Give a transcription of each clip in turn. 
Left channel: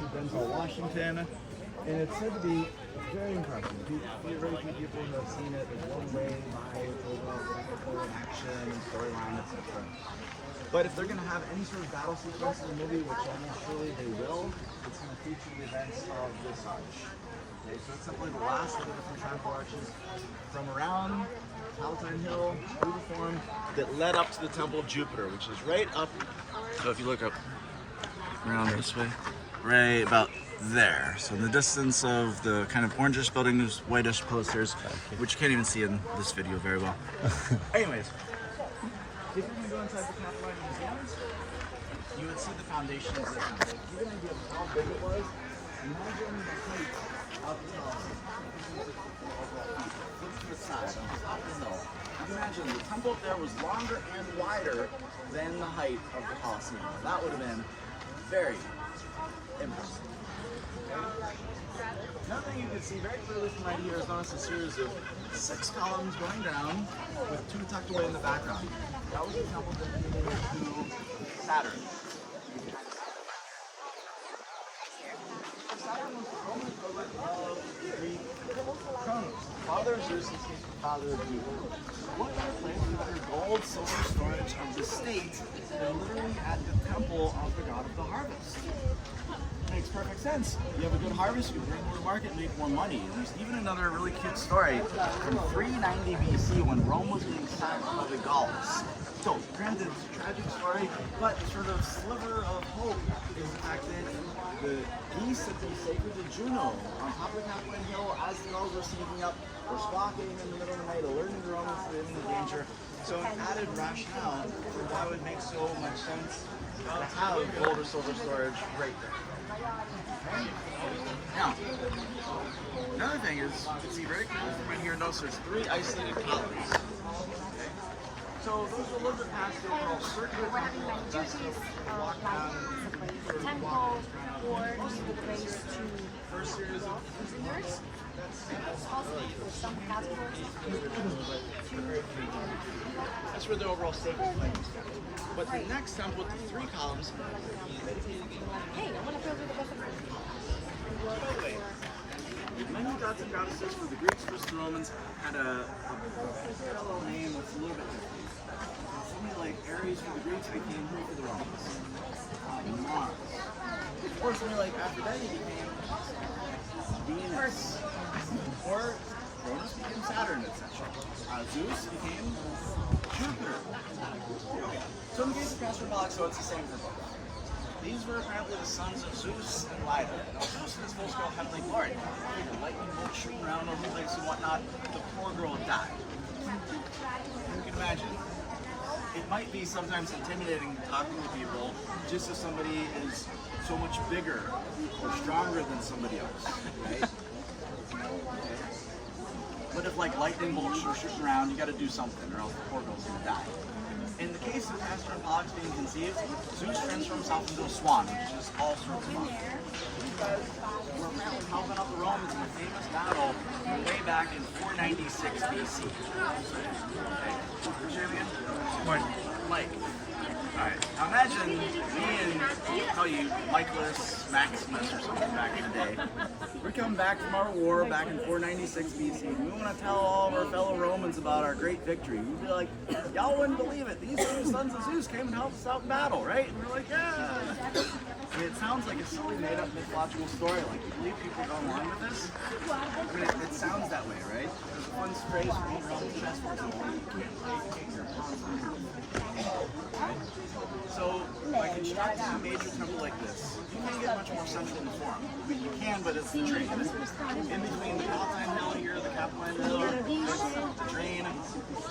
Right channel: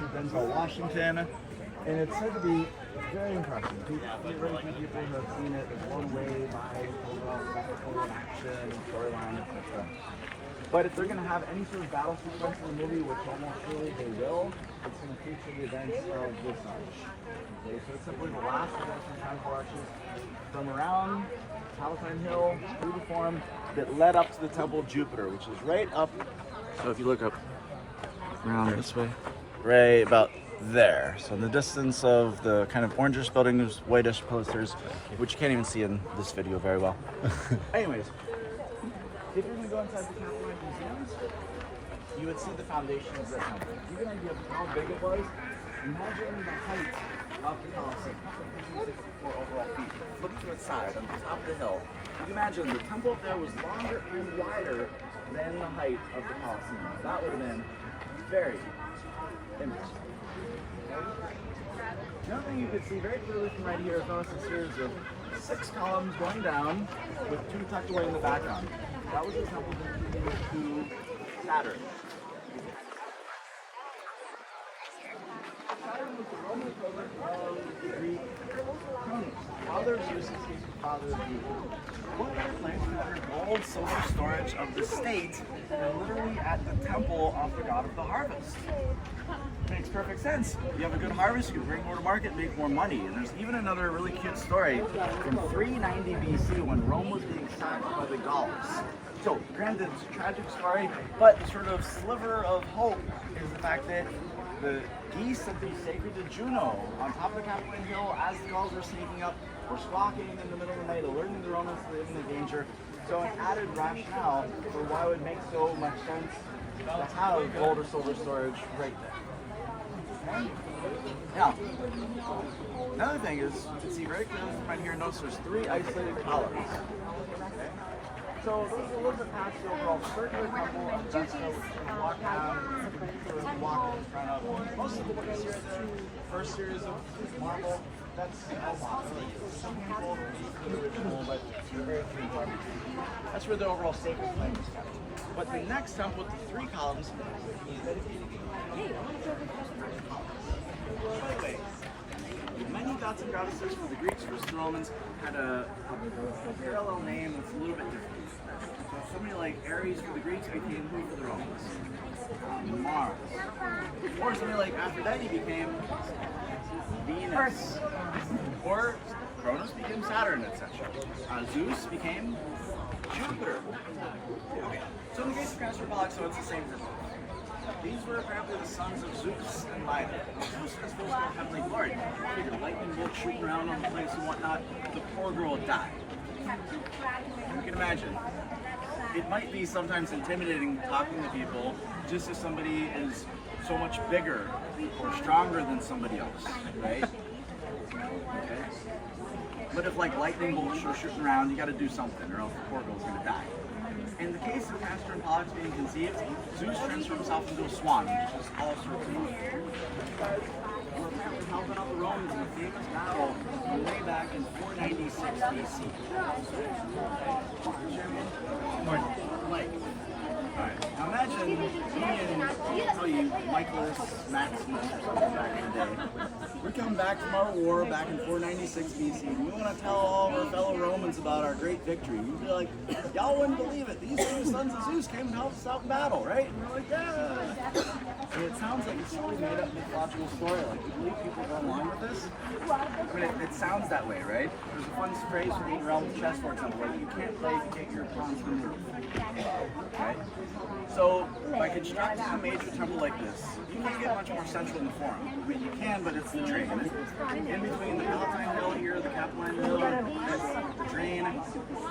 to Denzel Washington, and it's said to be very impressive. People who have seen it is blown away by the action, storyline, etc. But if they're going to have any sort of battle sequence in the movie, which almost surely they will, it's going to feature the events of this arch. Okay, so it's simply the last of the different triumphal arches from around Palatine Hill through the Forum that led up to the Temple of Jupiter, which is right up. So if you look up around this way, right about there. So in the distance of the kind of orangish building, there's whitish posters, which you can't even see in this video very well. Anyways, if you're going to go inside the Capitoline Museums, you would see the foundation of the temple. You're going to do how big it was. Imagine the height of the Colosseum, 164 overall feet. Look to the side, on the top of the hill. You can imagine the temple up there was longer and wider than the height of the Colosseum. That would have been very interesting. Another thing you could see very clearly from right here is notice a series of 6 columns going down with 2 tucked away in the background. That was the temple dedicated to Saturn. Saturn was the Roman equivalent of Greek Cronus. Father Zeus is his father Jupiter. What better place to have your gold, silver storage of the state than literally at the temple of the god of the harvest? Makes perfect sense. If you have a good harvest, you can bring more to market and make more money. And there's even another really cute story from 390 BC when Rome was being sacked by the Gauls. So, granted, it's a tragic story, but sort of sliver of hope is the fact that the geese that be sacred to Juno on top of Capitoline Hill as the Gauls were sneaking up, were squawking in the middle of the night, alerting the Romans to living in danger. So, added rationale for why it would make so much sense to have gold or silver storage right there. Now, another thing is, you can see very clearly from right here, notice there's 3 isolated columns. Okay? So those are a little bit past the overall circular temple of Vesta, which we're going to walk down and walk in front of. Most of the first series of marble, that's where the overall staple is. But the next temple with the 3 columns, many gods and goddesses for the Greeks and the Romans had a parallel name that's a little bit different. So somebody like Ares for the Greeks became who for the Romans? Mars. Or somebody like Aphrodite became Venus. Or Cronus became Saturn, etc. Zeus became Jupiter. Okay. So in the case of Castor and Pollux, so it's the same for both. These were apparently the sons of Zeus and Ida. Now, Zeus is supposed to have heavenly glory. The lightning bolt shooting around on the place and whatnot. The poor girl died. You can imagine. It might be sometimes intimidating talking to people just if somebody is so much bigger or stronger than somebody else, right? Okay. But if like lightning bolts are shooting around, you got to do something, or else the poor girl's gonna die. In the case of Castor and Pollux being conceived, Zeus transformed himself into a swan, which is all sorts of helping out the Romans in a famous battle way back in 496 BC. Okay. What's your name again? Mike. Alright, now imagine being, I'll tell you, Michaelis Maximus or something back in the day. We're coming back from our war back in 496 BC, and we want to tell all of our fellow Romans about our great victory. We'd be like, y'all wouldn't believe it. These 2 sons of Zeus came and helped us out in battle, right? And we're like, yeah. I mean, it sounds like it's silly made up mythological story. Like, you believe people go along with this? I mean, it sounds that way, right? There's a fun phrase being around the chess, for example, like, you can't play if you can't get your pawns to move. Right? So, by constructing a major temple like this, you can't get much more central in the Forum. I mean, you can, but it's the drain. In between the Palatine Hill here, the Capitoline Hill, the drain,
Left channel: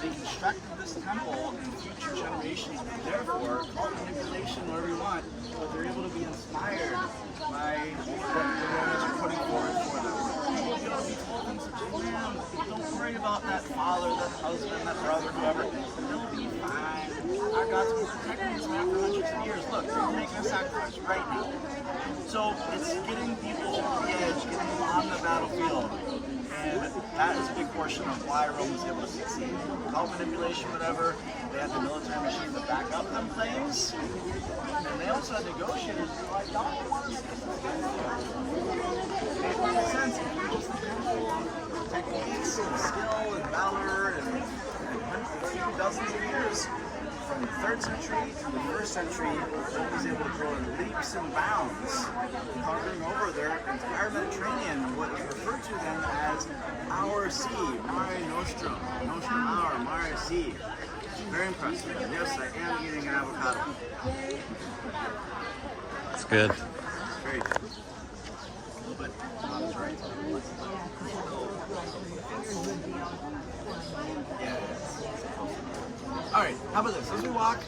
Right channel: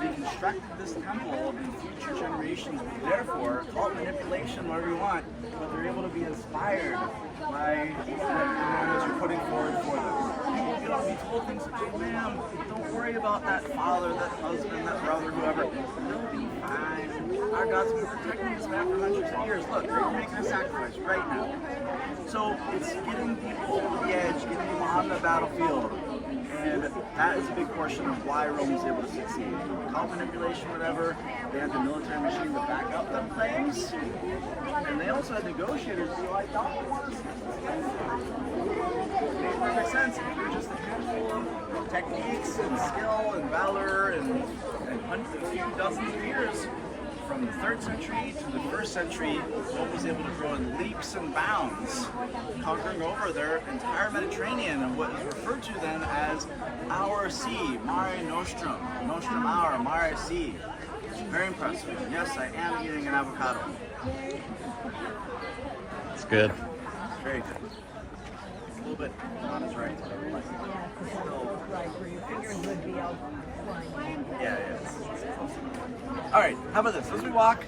they constructed this temple, and future generations would therefore call it manipulation, whatever you want, but they're able to be inspired by what the Romans are putting forward for them. People get to be told things such as, ma'am, don't worry about that father, that husband, that brother, whoever. They'll be fine. Our God's been protecting this man for hundreds of years. Look, they're making a sacrifice right now. So it's getting people over the edge, getting them on the battlefield. And that is a big portion of why Rome was able to succeed. Without manipulation, whatever, they had the military machine to back up them things. And they also had negotiators be like, y'all want us techniques and skill and valor and a few dozens of years. From the 3rd century to the 1st century, Rome was able to grow in leaps and bounds, conquering over their entire Mediterranean and what is referred to then as our sea, Mare Nostrum, Nostrum Mare, Mare Sea. Very impressive. Yes, I am eating an avocado. It's good. Very good. A little bit not as right. Yeah, yeah. All right, how about this? As we walk,